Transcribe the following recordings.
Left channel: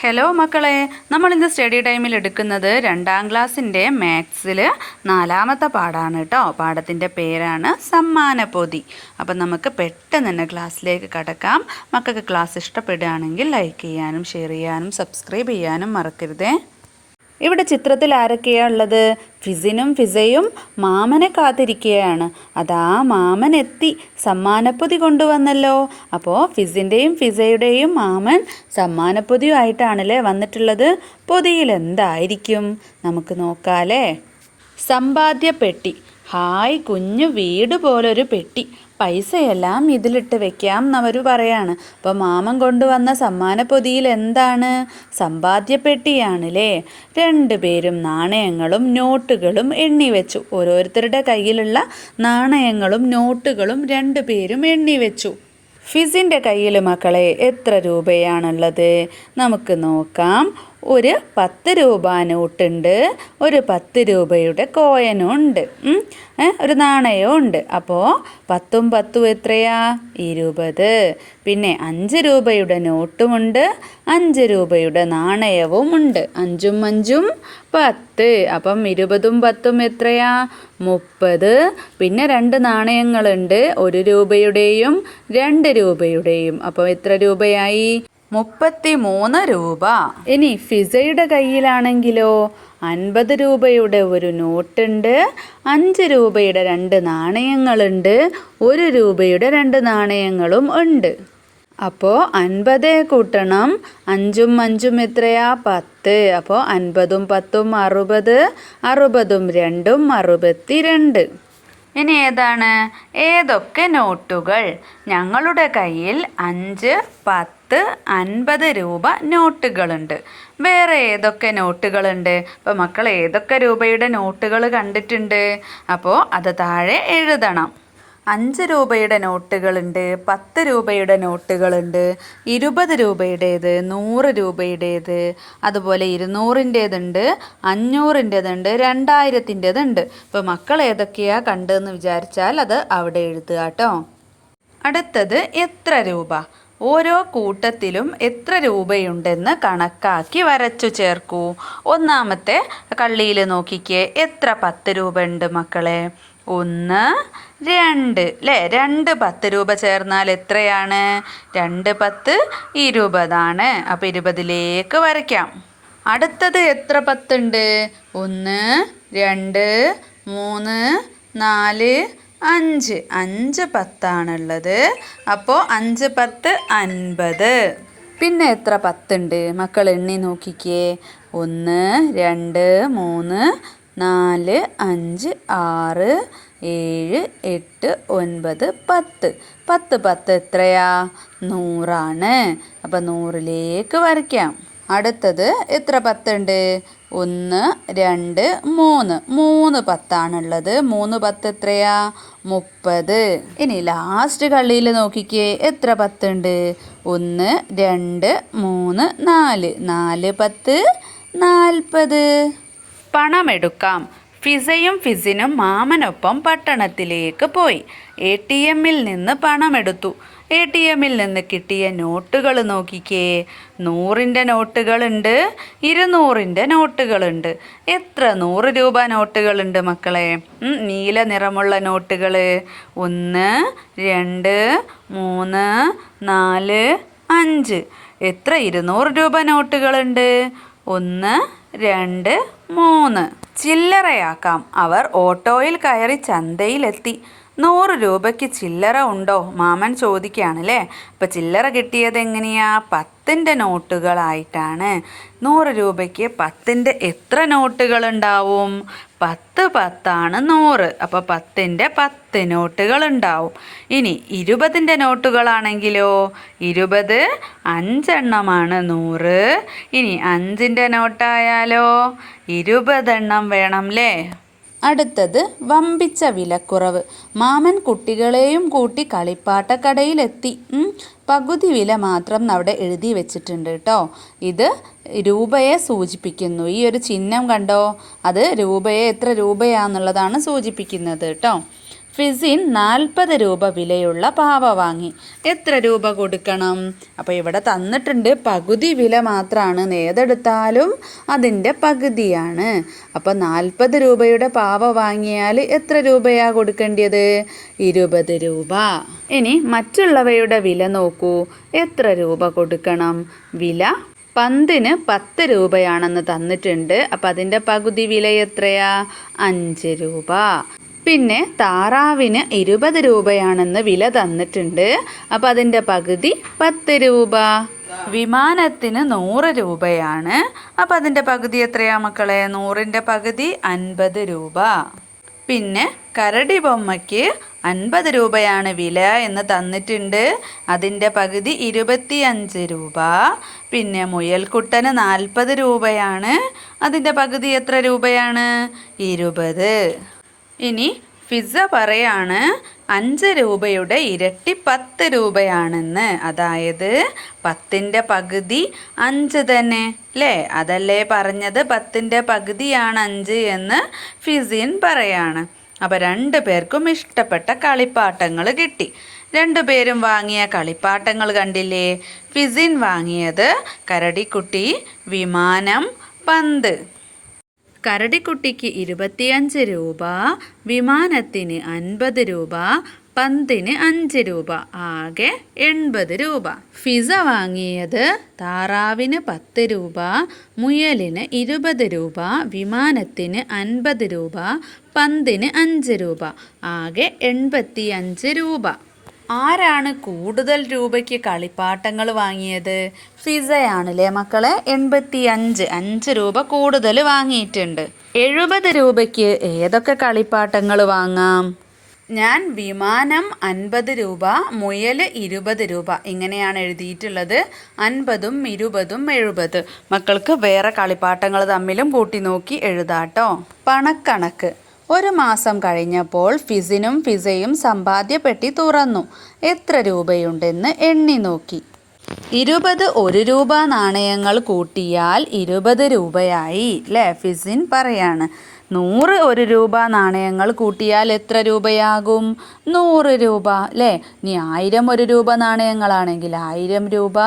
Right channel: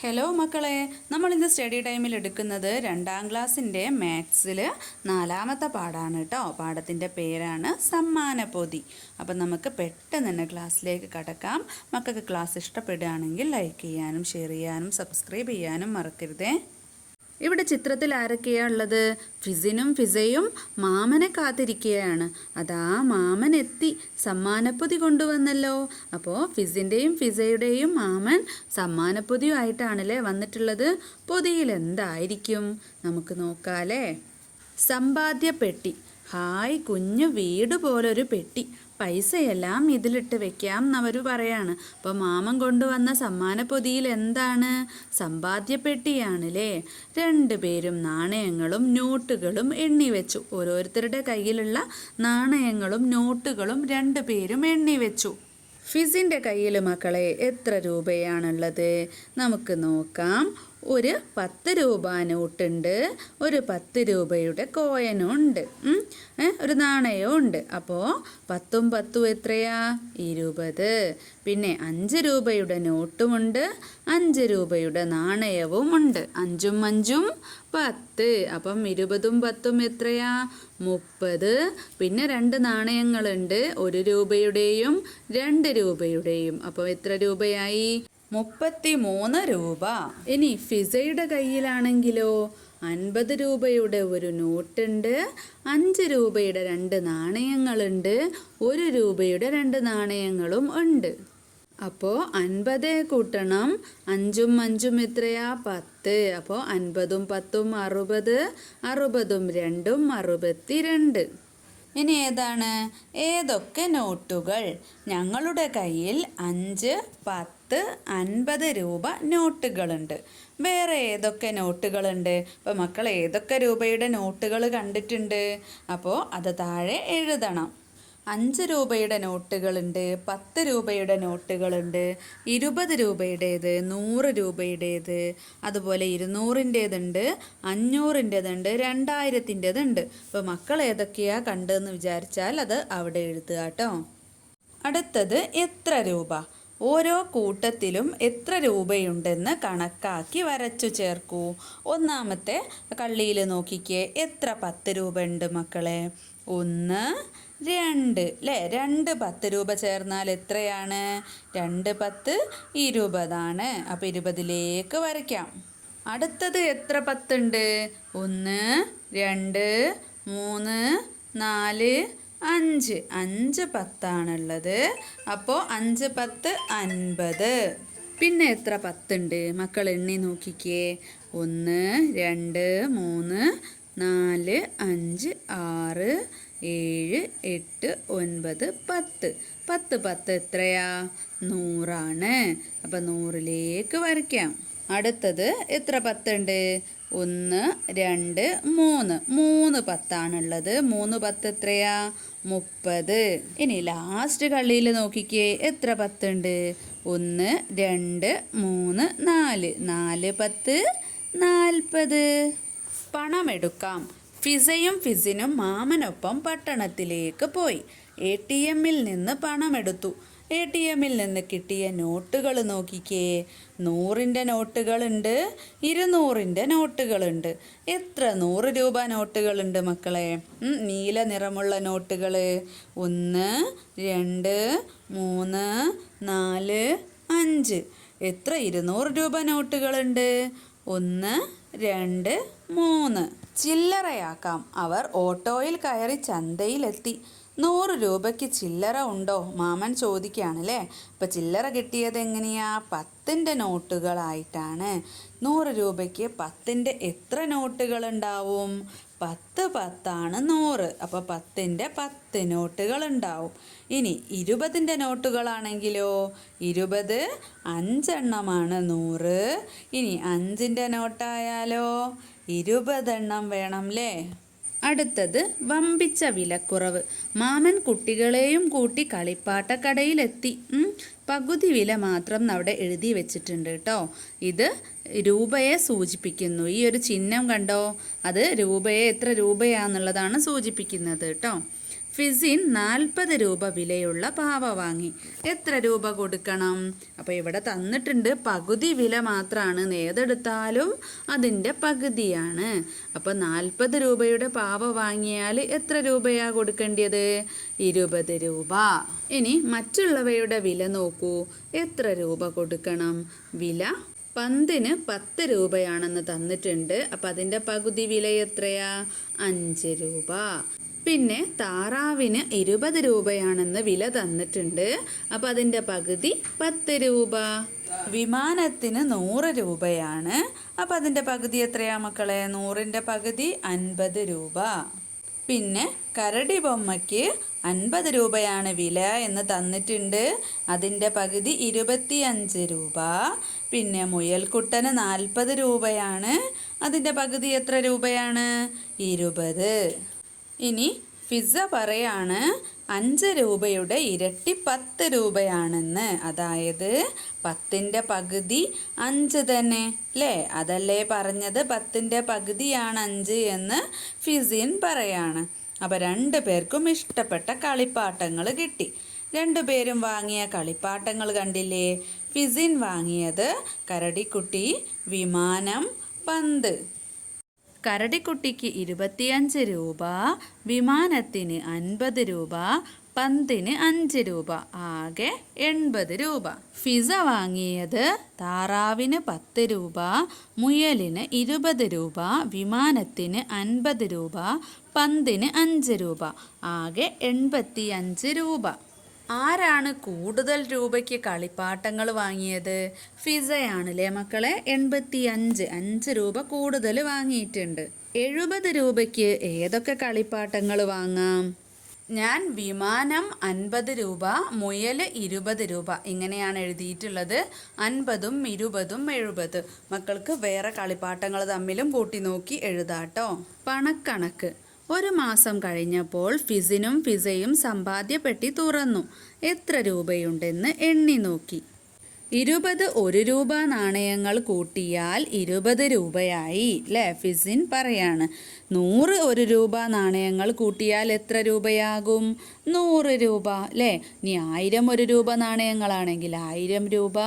Hello മക്കളെ. നമ്മൾ ഇന്ന് സ്റ്റഡി ടൈമിൽ എടുക്കുന്നത് രണ്ടാം ക്ലാസ്സിന്റെ മാത്സിൽ നാലാമത്തെ പാടാണ് കേട്ടോ പാഠത്തിന്റെ പേരാണ് സമ്മാനപ്പൊതി അപ്പം നമുക്ക് പെട്ടെന്ന് തന്നെ ക്ലാസ്സിലേക്ക് കടക്കാം. മക്കൾക്ക് ക്ലാസ് ഇഷ്ടപ്പെടുകയാണെങ്കിൽ ലൈക്ക് ചെയ്യാനും ഷെയർ ചെയ്യാനും സബ്സ്ക്രൈബ് ചെയ്യാനും മറക്കരുതേ. ഇവിടെ ചിത്രത്തിൽ ആരൊക്കെയാണ് ഉള്ളത്? ഫിസിനും ഫിസയും മാമനെ കാത്തിരിക്കുകയാണ്. അതാ മാമൻ എത്തി സമ്മാനപ്പൊതി കൊണ്ടുവന്നല്ലോ. അപ്പോൾ ഫിസിന്റെയും ഫിസയുടെയും മാമൻ സമ്മാനപ്പൊതിയുമായിട്ടാണല്ലേ വന്നിട്ടുള്ളത്? പൊതിയിൽ എന്തായിരിക്കും? നമുക്ക് നോക്കാലേ സമ്പാദ്യ പെട്ടി ഹായ് കുഞ്ഞു വീട് പോലൊരു പെട്ടി. പൈസയെല്ലാം ഇതിലിട്ട് വെക്കാം എന്നവർ പറയാണ്. അപ്പോൾ മാമൻ കൊണ്ടുവന്ന സമ്മാന പൊതിയിൽ എന്താണ്? സമ്പാദ്യപ്പെട്ടിയാണല്ലേ? രണ്ടുപേരും നാണയങ്ങളും നോട്ടുകളും എണ്ണി വെച്ചു. ഓരോരുത്തരുടെ കയ്യിലുള്ള നാണയങ്ങളും നോട്ടുകളും രണ്ടുപേരും എണ്ണി വെച്ചു. ഫിസിന്റെ കയ്യിൽ മക്കളെ എത്ര രൂപയാണുള്ളത്? നമുക്ക് നോക്കാം. ഒരു പത്ത് രൂപ നോട്ടുണ്ട്. ഒരു പത്ത് രൂപയുടെ കോയനും ഉണ്ട് ഒരു നാണയവും ഉണ്ട് അപ്പോൾ പത്തും പത്തും എത്രയാ? ഇരുപത്. പിന്നെ അഞ്ച് രൂപയുടെ നോട്ടുമുണ്ട്. അഞ്ച് രൂപയുടെ നാണയവും ഉണ്ട് അഞ്ചും അഞ്ചും പത്ത്. അപ്പം ഇരുപതും പത്തും എത്രയാ? മുപ്പത്. പിന്നെ രണ്ട് നാണയങ്ങളുണ്ട്. ഒരു രൂപയുടെയും രണ്ട് രൂപയുടെയും. അപ്പോൾ എത്ര രൂപയായി? മുപ്പത്തി മൂന്ന് രൂപ. ഇനി ഫിസയുടെ കയ്യിലാണെങ്കിലോ അൻപത് രൂപയുടെ ഒരു നോട്ടുണ്ട് അഞ്ച് രൂപയുടെ രണ്ട് നാണയങ്ങളുണ്ട് ഒരു രൂപയുടെ രണ്ട് നാണയങ്ങളും ഉണ്ട്. അപ്പോൾ അൻപത് കൂട്ടണം അഞ്ചും അഞ്ചും എത്രയാ? പത്ത്. അപ്പോൾ അൻപതും പത്തും അറുപത് അറുപതും രണ്ടും അറുപത്തി രണ്ട് ഇനി ഏതാണ്? ഏതൊക്കെ നോട്ടുകൾ? ഞങ്ങളുടെ കയ്യിൽ അഞ്ച് പത്ത് അൻപത് രൂപ നോട്ടുകളുണ്ട്. വേറെ ഏതൊക്കെ നോട്ടുകളുണ്ട്? അപ്പോൾ മക്കൾ ഏതൊക്കെ രൂപയുടെ നോട്ടുകൾ കണ്ടിട്ടുണ്ട്? അപ്പോൾ അത് താഴെ എഴുതണം. അഞ്ച് രൂപയുടെ നോട്ടുകളുണ്ട് പത്ത് രൂപയുടെ നോട്ടുകളുണ്ട് ഇരുപത് രൂപയുടേത് നൂറ് രൂപയുടേത് അതുപോലെ ഇരുന്നൂറിന്റേതുണ്ട് അഞ്ഞൂറിന്റേതുണ്ട് രണ്ടായിരത്തിന്റേതുണ്ട്. ഇപ്പോൾ മക്കൾ ഏതൊക്കെയാണ് കണ്ടതെന്ന് വിചാരിച്ചാൽ അത് അവിടെ എഴുതുക കേട്ടോ. അടുത്തത് എത്ര രൂപ? ഓരോ കൂട്ടത്തിലും എത്ര രൂപയുണ്ടെന്ന് കണക്കാക്കി വരച്ചു ചേർക്കൂ. ഒന്നാമത്തെ കള്ളിയിൽ നോക്കിക്കേ എത്ര പത്ത് രൂപ ഉണ്ട് മക്കളെ? ഒന്ന് രണ്ട്. അല്ലേ രണ്ട് പത്ത് രൂപ ചേർന്നാൽ എത്രയാണ്? രണ്ട് പത്ത് ഇരുപതാണ്. അപ്പോൾ ഇരുപതിലേക്ക് വരയ്ക്കാം. അടുത്തത് എത്ര പത്തുണ്ട്? ഒന്ന് രണ്ട് മൂന്ന് നാല് അഞ്ച്. അഞ്ച് പത്താണുള്ളത്. അപ്പോൾ അഞ്ച് പത്ത് അൻപത്. പിന്നെ എത്ര പത്തുണ്ട്? മക്കൾ എണ്ണി നോക്കിക്കേ. ഒന്ന് രണ്ട് മൂന്ന് നാല് അഞ്ച് ആറ് ഏഴ് എട്ട് ഒൻപത് പത്ത്. പത്ത് പത്ത് എത്രയാ? നൂറാണ്. അപ്പം നൂറിലേക്ക് വരയ്ക്കാം. അടുത്തത് എത്ര പത്തുണ്ട്? ഒന്ന് രണ്ട് മൂന്ന്. മൂന്ന് പത്താണുള്ളത്. മൂന്ന് പത്ത് എത്രയാ? മുപ്പത്. ഇനി ലാസ്റ്റ് കള്ളിയിൽ നോക്കിക്കേ എത്ര പത്തുണ്ട്? ഒന്ന് രണ്ട് മൂന്ന് നാല്. നാല് പത്ത് നാൽപ്പത്. പണമെടുക്കാം. ഫിസയും ഫിസിനും മാമനൊപ്പം പട്ടണത്തിലേക്ക് പോയി. എ ടി എമ്മിൽ നിന്ന് പണമെടുത്തു. എ ടി എമ്മിൽ നിന്ന് കിട്ടിയ നോട്ടുകൾ നോക്കിക്കേ. നൂറിന്റെ നോട്ടുകളുണ്ട് ഇരുന്നൂറിന്റെ നോട്ടുകളുണ്ട്. എത്ര നൂറ് രൂപ നോട്ടുകളുണ്ട് മക്കളെ? നീല നിറമുള്ള നോട്ടുകൾ ഒന്ന് രണ്ട് മൂന്ന് നാല് അഞ്ച്. എത്ര ഇരുന്നൂറ് രൂപ നോട്ടുകളുണ്ട്? ഒന്ന് രണ്ട് മൂന്ന്. ചില്ലറയാക്കാം. അവർ ഓട്ടോയിൽ കയറി ചന്തയിലെത്തി. നൂറ് രൂപയ്ക്ക് ചില്ലറ ഉണ്ടോ? മാമൻ ചോദിക്കുകയാണല്ലേ. അപ്പം ചില്ലറ കിട്ടിയത് എങ്ങനെയാ? പത്തിന്റെ നോട്ടുകളായിട്ടാണ്. നൂറ് രൂപയ്ക്ക് പത്തിന്റെ എത്ര നോട്ടുകൾ ഉണ്ടാവും പത്ത് പത്താണ് നൂറ്. അപ്പോൾ പത്തിന്റെ പത്ത് നോട്ടുകൾ ഉണ്ടാവും ഇനി ഇരുപതിന്റെ നോട്ടുകളാണെങ്കിലോ? ഇരുപത് അഞ്ചെണ്ണമാണ് നൂറ്. ഇനി അഞ്ചിന്റെ നോട്ടായാലോ? ഇരുപതെണ്ണം വേണം അല്ലേ അടുത്തത് വമ്പിച്ച വിലക്കുറവ്. മാമൻ കുട്ടികളെയും കൂട്ടി കളിപ്പാട്ടക്കടയിലെത്തി. പകുതി വില മാത്രം അവിടെ എഴുതി വെച്ചിട്ടുണ്ട് കേട്ടോ ഇത് രൂപയെ സൂചിപ്പിക്കുന്നു. ഈ ഒരു ചിഹ്നം കണ്ടോ? അത് രൂപയെ എത്ര രൂപയാന്നുള്ളതാണ് സൂചിപ്പിക്കുന്നത് കേട്ടോ ഫിസിൻ നാൽപ്പത് രൂപ വിലയുള്ള പാവ വാങ്ങി. എത്ര രൂപ കൊടുക്കണം? അപ്പോൾ ഇവിടെ തന്നിട്ടുണ്ട് പകുതി വില മാത്രമാണ് ഏതെടുത്താലും അതിന്റെ പകുതിയാണ്. അപ്പോൾ നാൽപ്പത് രൂപയുടെ പാവ വാങ്ങിയാൽ എത്ര രൂപയാണ് കൊടുക്കേണ്ടത് ഇരുപത് രൂപ. ഇനി മറ്റുള്ളവയുടെ വില നോക്കൂ. എത്ര രൂപ കൊടുക്കണം? വില പന്തിന് പത്ത് രൂപയാണെന്ന് തന്നിട്ടുണ്ട്. അപ്പം അതിന്റെ പകുതി വില എത്രയാ? അഞ്ച് രൂപ. പിന്നെ താറാവിന് ഇരുപത് രൂപയാണെന്ന് വില തന്നിട്ടുണ്ട്. അപ്പം അതിന്റെ പകുതി പത്ത് രൂപ. വിമാനത്തിന് നൂറ് രൂപയാണ്. അപ്പം അതിന്റെ പകുതി എത്രയാ മക്കളെ? നൂറിന്റെ പകുതി അൻപത് രൂപ. പിന്നെ കരടി ബൊമ്മയ്ക്ക് അൻപത് രൂപയാണ് വില എന്ന് തന്നിട്ടുണ്ട്. അതിന്റെ പകുതി ഇരുപത്തിയഞ്ച് രൂപ. പിന്നെ മുയൽക്കുട്ടന് നാൽപ്പത് രൂപയാണ്. അതിന്റെ പകുതി എത്ര രൂപയാണ്? ഇരുപത്. ഇനി ഫിസ പറയാണ് അഞ്ച് രൂപയുടെ ഇരട്ടി പത്ത് രൂപയാണെന്ന്. അതായത് പത്തിന്റെ പകുതി അഞ്ച് തന്നെ അല്ലേ അതല്ലേ പറഞ്ഞത്? പത്തിന്റെ പകുതിയാണ് അഞ്ച് എന്ന് ഫിസിൻ പറയാണ്. അപ്പോൾ രണ്ട് പേർക്കും ഇഷ്ടപ്പെട്ട കളിപ്പാട്ടങ്ങൾ കിട്ടി. രണ്ടുപേരും വാങ്ങിയ കളിപ്പാട്ടങ്ങൾ കണ്ടില്ലേ? ഫിസിൻ വാങ്ങിയത് കരടിക്കുട്ടി വിമാനം പന്ത്. കരടിക്കുട്ടിക്ക് ഇരുപത്തിയഞ്ച് രൂപ വിമാനത്തിന് അൻപത് രൂപ പന്തിന് അഞ്ച് രൂപ ആകെ എൺപത് രൂപ. ഫിസ വാങ്ങിയത് താറാവിന് പത്ത് രൂപ മുയലിന് ഇരുപത് രൂപ വിമാനത്തിന് അൻപത് രൂപ പന്തിന് അഞ്ച് രൂപ ആകെ എൺപത്തി രൂപ. ആരാണ് കൂടുതൽ രൂപയ്ക്ക് കളിപ്പാട്ടങ്ങൾ വാങ്ങിയത്? ഫിസയാണല്ലേ മക്കളെ? എൺപത്തി അഞ്ച് അഞ്ച് രൂപ കൂടുതൽ വാങ്ങിയിട്ടുണ്ട്. എഴുപത് രൂപയ്ക്ക് ഏതൊക്കെ കളിപ്പാട്ടങ്ങൾ വാങ്ങാം? ഞാൻ വിമാനം അൻപത് രൂപ മുയൽ ഇരുപത് രൂപ ഇങ്ങനെയാണ് എഴുതിയിട്ടുള്ളത്. അൻപതും ഇരുപതും എഴുപത്. മക്കൾക്ക് വേറെ കളിപ്പാട്ടങ്ങൾ തമ്മിലും കൂട്ടി നോക്കി എഴുതാട്ടോ. പണക്കണക്ക്. ഒരു മാസം കഴിഞ്ഞപ്പോൾ ഫിസിനും ഫിസയും സമ്പാദ്യപ്പെട്ടി തുറന്നു. എത്ര രൂപയുണ്ടെന്ന് എണ്ണി നോക്കി. ഇരുപത് ഒരു രൂപ നാണയങ്ങൾ കൂട്ടിയാൽ ഇരുപത് രൂപയായി ലെ ഫിസിൻ പറയാണ്. നൂറ് ഒരു രൂപ നാണയങ്ങൾ കൂട്ടിയാൽ എത്ര രൂപയാകും? നൂറ് രൂപ അല്ലേ ഇനി ആയിരം ഒരു രൂപ നാണയങ്ങളാണെങ്കിൽ ആയിരം രൂപ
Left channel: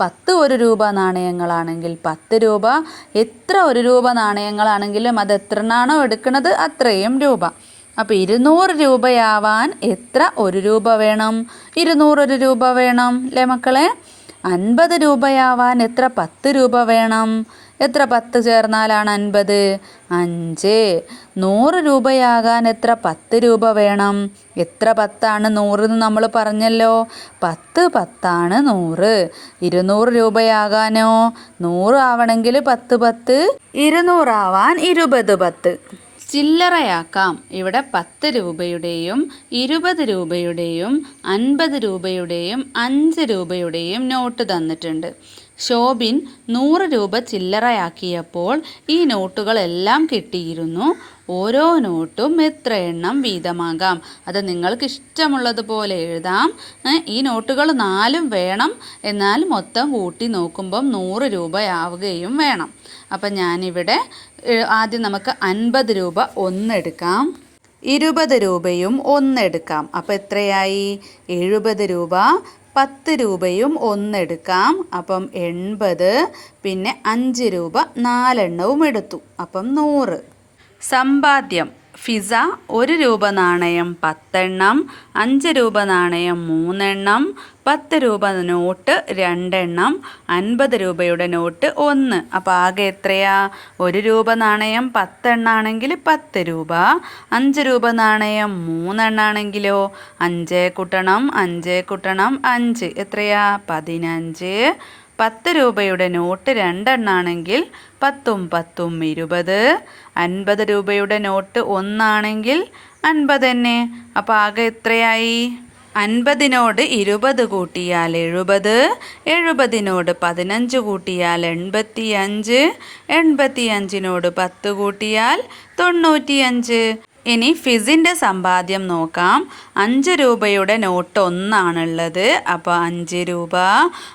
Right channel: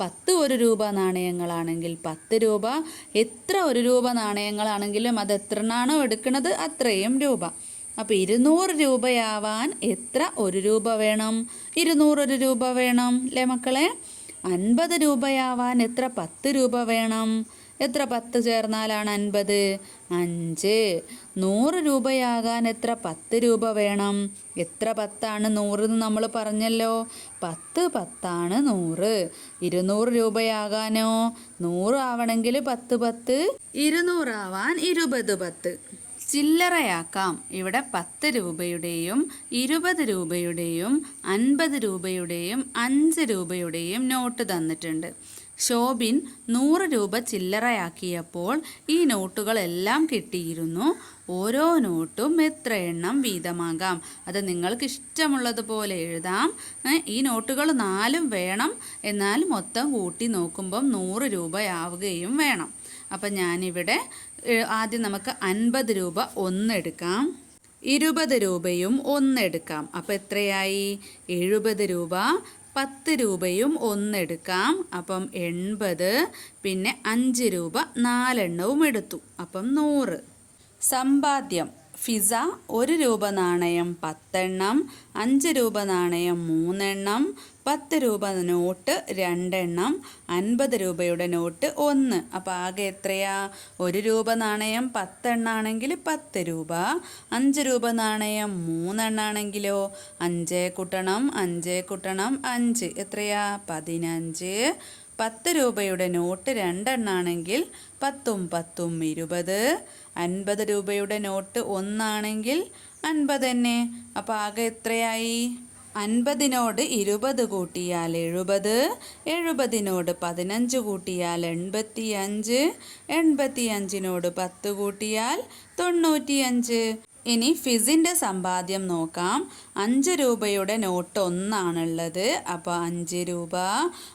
പത്ത് ഒരു രൂപ നാണയങ്ങളാണെങ്കിൽ പത്ത് രൂപ എത്ര ഒരു രൂപ നാണയങ്ങളാണെങ്കിലും അത് എത്ര നാണോ എടുക്കുന്നത് അത്രയും രൂപ. അപ്പോൾ ഇരുന്നൂറ് രൂപയാവാൻ എത്ര ഒരു രൂപ വേണം? ഇരുന്നൂറൊരു രൂപ വേണം അല്ലേ മക്കളെ? അൻപത് രൂപയാവാൻ എത്ര പത്ത് രൂപ വേണം? എത്ര പത്ത് ചേർന്നാലാണ് അൻപത്? അഞ്ച്. നൂറ് രൂപയാകാൻ എത്ര പത്ത് രൂപ വേണം? എത്ര പത്താണ് നൂറ് എന്ന് നമ്മൾ പറഞ്ഞല്ലോ. പത്ത് പത്താണ് നൂറ്. ഇരുന്നൂറ് രൂപയാകാനോ? നൂറ് ആവണമെങ്കിൽ പത്ത് പത്ത്. ഇരുന്നൂറാവാൻ ഇരുപത് പത്ത്. ചില്ലറയാക്കാം. ഇവിടെ പത്ത് രൂപയുടെയും ഇരുപത് രൂപയുടെയും അൻപത് രൂപയുടെയും അഞ്ച് രൂപയുടെയും നോട്ട് തന്നിട്ടുണ്ട്. ശോഭിൻ നൂറ് രൂപ ചില്ലറയാക്കിയപ്പോൾ ഈ നോട്ടുകളെല്ലാം കിട്ടിയിരുന്നു. ഓരോ നോട്ടും എത്ര എണ്ണം വീതമാകാം? അത് നിങ്ങൾക്ക് ഇഷ്ടമുള്ളതുപോലെ എഴുതാം ഈ നോട്ടുകൾ നാലും വേണം. എന്നാൽ മൊത്തം കൂട്ടി നോക്കുമ്പം നൂറ് രൂപയാവുകയും വേണം. അപ്പം ഞാനിവിടെ ആദ്യം നമുക്ക് അൻപത് രൂപ ഒന്നെടുക്കാം. ഇരുപത് രൂപയും ഒന്നെടുക്കാം. അപ്പോൾ എത്രയായി? എഴുപത് രൂപ. പത്ത് രൂപയും ഒന്നെടുക്കാം. അപ്പം എൺപത് പിന്നെ അഞ്ച് രൂപ നാലെണ്ണവും എടുത്തു. അപ്പം നൂറ്. സമ്പാദ്യം. ഫിസ ഒരു രൂപ നാണയം പത്തെണ്ണം അഞ്ച് രൂപ നാണയം മൂന്നെണ്ണം പത്ത് രൂപ നോട്ട് രണ്ടെണ്ണം അൻപത് രൂപയുടെ നോട്ട് ഒന്ന്. അപ്പോൾ ആകെ എത്രയാ? ഒരു രൂപ നാണയം പത്തെണ്ണാണെങ്കിൽ പത്ത് രൂപ അഞ്ച് രൂപ നാണയം മൂന്നെണ്ണാണെങ്കിലോ? അഞ്ച് കുട്ടണം അഞ്ച് കുട്ടണം അഞ്ച്. എത്രയാ? പതിനഞ്ച്. പത്ത് രൂപയുടെ നോട്ട് രണ്ടെണ്ണാണെങ്കിൽ പത്തും പത്തും ഇരുപത്. അൻപത് രൂപയുടെ നോട്ട് ഒന്നാണെങ്കിൽ അൻപത് തന്നെ. അപ്പോൾ ആകെ എത്രയായി? അൻപതിനോട് ഇരുപത് കൂട്ടിയാൽ എഴുപത്. എഴുപതിനോട് പതിനഞ്ച് കൂട്ടിയാൽ എൺപത്തി അഞ്ച് എൺപത്തി അഞ്ചിനോട് പത്ത് കൂട്ടിയാൽ തൊണ്ണൂറ്റിയഞ്ച്. ഇനി ഫിസിന്റെ സമ്പാദ്യം നോക്കാം. അഞ്ച് രൂപയുടെ നോട്ട് ഒന്നാണുള്ളത്. അപ്പോൾ അഞ്ച് രൂപ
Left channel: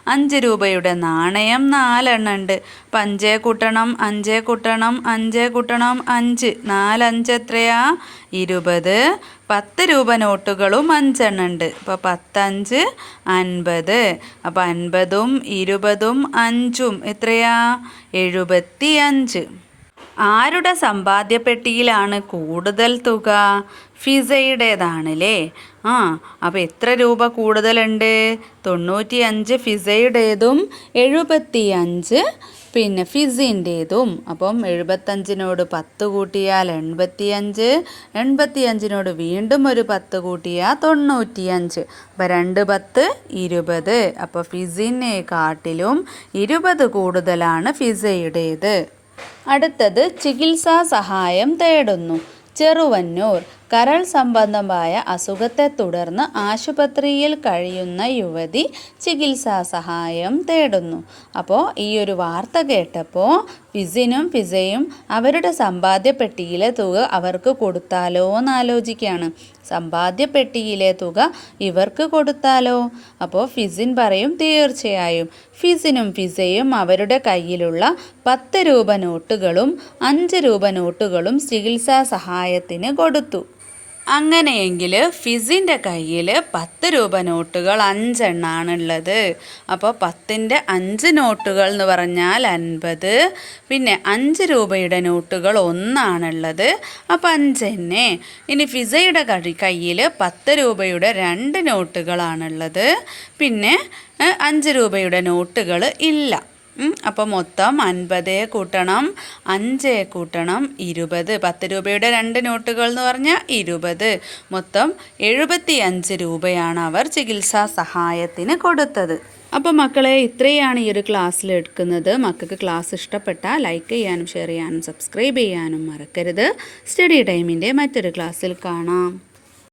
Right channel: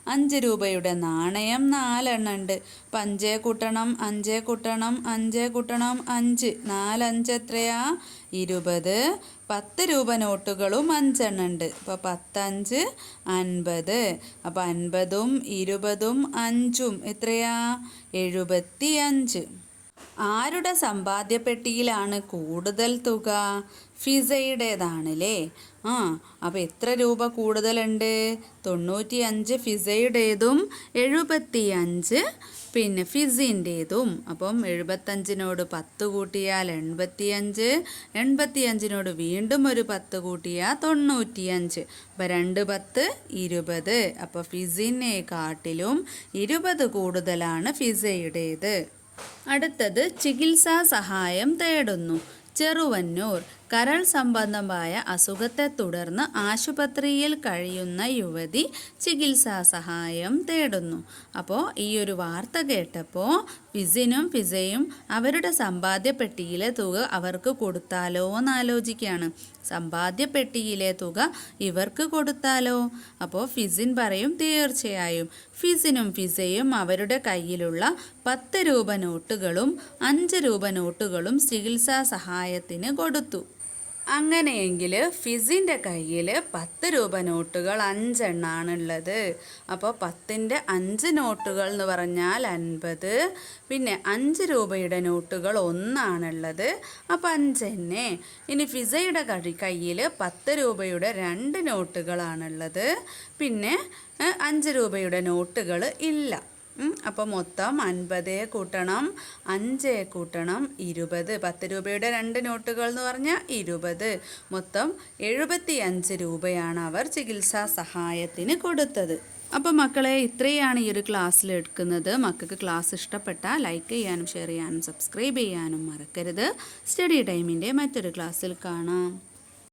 അഞ്ച് രൂപയുടെ നാണയം നാലെണ്ണം ഉണ്ട്. അപ്പം അഞ്ചേ കൂട്ടണം അഞ്ചേ കൂട്ടണം അഞ്ചേ കൂട്ടണം അഞ്ച്. നാലഞ്ച് എത്രയാ? ഇരുപത്. പത്ത് രൂപ നോട്ടുകളും അഞ്ചെണ്ണം ഉണ്ട്. അപ്പോൾ പത്തഞ്ച് അൻപത്. അപ്പോൾ അൻപതും ഇരുപതും അഞ്ചും എത്രയാ? എഴുപത്തി അഞ്ച് ആരുടെ സമ്പാദ്യപ്പെട്ടിയിലാണ് കൂടുതൽ തുക? ഫിസയുടേതാണല്ലേ? ആ അപ്പോൾ എത്ര രൂപ കൂടുതലുണ്ട്? തൊണ്ണൂറ്റി അഞ്ച് ഫിസയുടേതും എഴുപത്തി അഞ്ച് പിന്നെ ഫിസിന്റേതും. അപ്പം എഴുപത്തഞ്ചിനോട് പത്ത് കൂട്ടിയാൽ എൺപത്തിയഞ്ച് എൺപത്തിയഞ്ചിനോട് വീണ്ടും ഒരു പത്ത് കൂട്ടിയാൽ തൊണ്ണൂറ്റിയഞ്ച്. അപ്പം രണ്ട് പത്ത് ഇരുപത്. അപ്പോൾ ഫിസിനെ കാട്ടിലും ഇരുപത് കൂടുതലാണ് ഫിസയുടേത്. അടുത്തത് ചികിത്സാ സഹായം തേടുന്നു. ചെറുവന്നൂർ. കരൾ സംബന്ധമായ അസുഖത്തെ തുടർന്ന് ആശുപത്രിയിൽ കഴിയുന്ന യുവതി ചികിത്സാ സഹായം തേടുന്നു. അപ്പോൾ ഈ ഒരു വാർത്ത കേട്ടപ്പോൾ ഫിസിനും ഫിസയും അവരുടെ സമ്പാദ്യപ്പെട്ടിയിലെ തുക അവർക്ക് കൊടുത്താലോ എന്ന് ആലോചിക്കുകയാണ് സമ്പാദ്യപ്പെട്ടിയിലെ തുക ഇവർക്ക് കൊടുത്താലോ? അപ്പോൾ ഫിസിൻ പറയും തീർച്ചയായും. ഫിസിനും ഫിസയും അവരുടെ കയ്യിലുള്ള പത്ത് രൂപ നോട്ടുകളും അഞ്ച് രൂപ നോട്ടുകളും ചികിത്സാ സഹായത്തിന് കൊടുത്തു. അങ്ങനെയെങ്കിൽ ഫിസിന്റെ കയ്യിൽ പത്ത് രൂപ നോട്ടുകൾ അഞ്ചെണ്ണാണുള്ളത്. അപ്പോൾ പത്തിന്റെ അഞ്ച് നോട്ടുകൾ എന്ന് പറഞ്ഞാൽ അൻപത്. പിന്നെ അഞ്ച് രൂപയുടെ നോട്ടുകൾ ഒന്നാണുള്ളത്. അപ്പോൾ അഞ്ച് അഞ്ചെന്നെ ഇനി ഫിസയുടെ കഴി കയ്യിൽ പത്ത് രൂപയുടെ രണ്ട് നോട്ടുകളാണുള്ളത്. പിന്നെ അഞ്ച് രൂപയുടെ നോട്ടുകൾ ഇല്ല. അപ്പോൾ മൊത്തം അൻപത് കൂട്ടണം അഞ്ച് കൂട്ടണം ഇരുപത്. പത്ത് രൂപയുടെ രണ്ട് നോട്ടുകൾ എന്ന് പറഞ്ഞാൽ ഇരുപത്. മൊത്തം എഴുപത്തി അഞ്ച് രൂപയാണ് അവർ ചികിത്സാ സഹായത്തിന് കൊടുത്തത്. അപ്പോൾ മക്കളെ ഇത്രയാണ് ഈ ഒരു ക്ലാസ്സിൽ എടുക്കുന്നത്. മക്കൾക്ക് ക്ലാസ് ഇഷ്ടപ്പെട്ടാൽ ലൈക്ക് ചെയ്യാനും ഷെയർ ചെയ്യാനും സബ്സ്ക്രൈബ് ചെയ്യാനും മറക്കരുത്. സ്റ്റഡി ടൈമിന്റെ മറ്റൊരു ക്ലാസ്സിൽ കാണാം.